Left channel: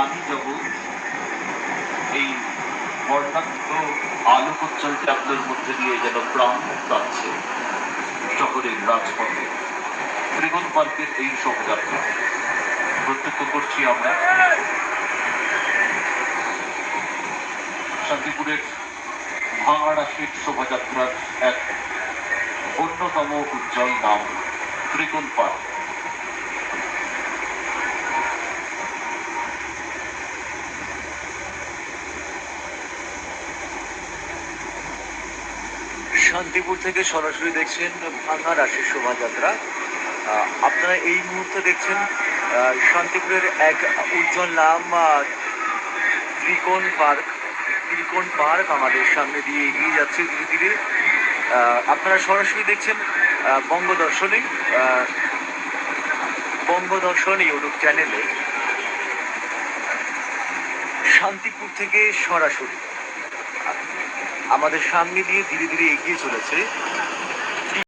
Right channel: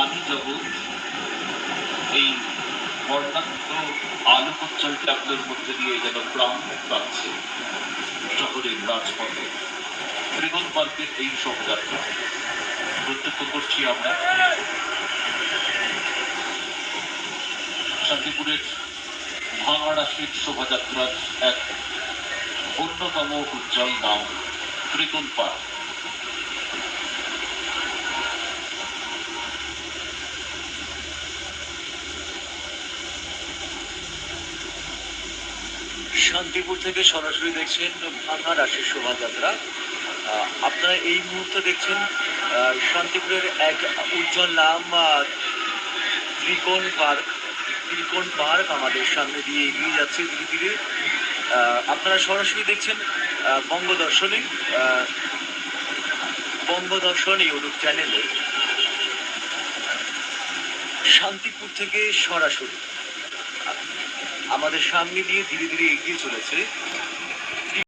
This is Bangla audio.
প্রাণী জগৎ এই বর্ণাঢ্য আলোকোজ্জ্বল ট্যাবলোর মধ্যে দিয়ে যেন প্রাণ পাচ্ছে শহরের রাজপথে। ত্রিগণ পার্কের এই শোভাযাত্রা প্রত্যক্ষ করছি আমরা শান্তিপুরের ভাঙাড়াশির শোভাযাত্রার এক অন্যতম উজ্জ্বল নাম ত্রিগণ পার্ক। শান্তিপুর থেকে সরাসরি দেখছেন ভাঙা রাশির শোভাযাত্রা। আপনারা এই মুহূর্তে দেখছেন শান্তিপুরের এক উজ্জ্বল নাম ত্রিকোণ পার্ক। ত্রিকোণ পার্ক আমাদের সামনে দিয়ে এগিয়ে যাচ্ছে ধীরে ধীরে। আপনারা সরাসরি দেখছেন বঙ্গদর্শন ইউটিউব চ্যানেলে শান্তিপুর থেকে সরাসরি আমাদের সামনে দিয়ে ধীরে ধীরে এগিয়ে চলেছে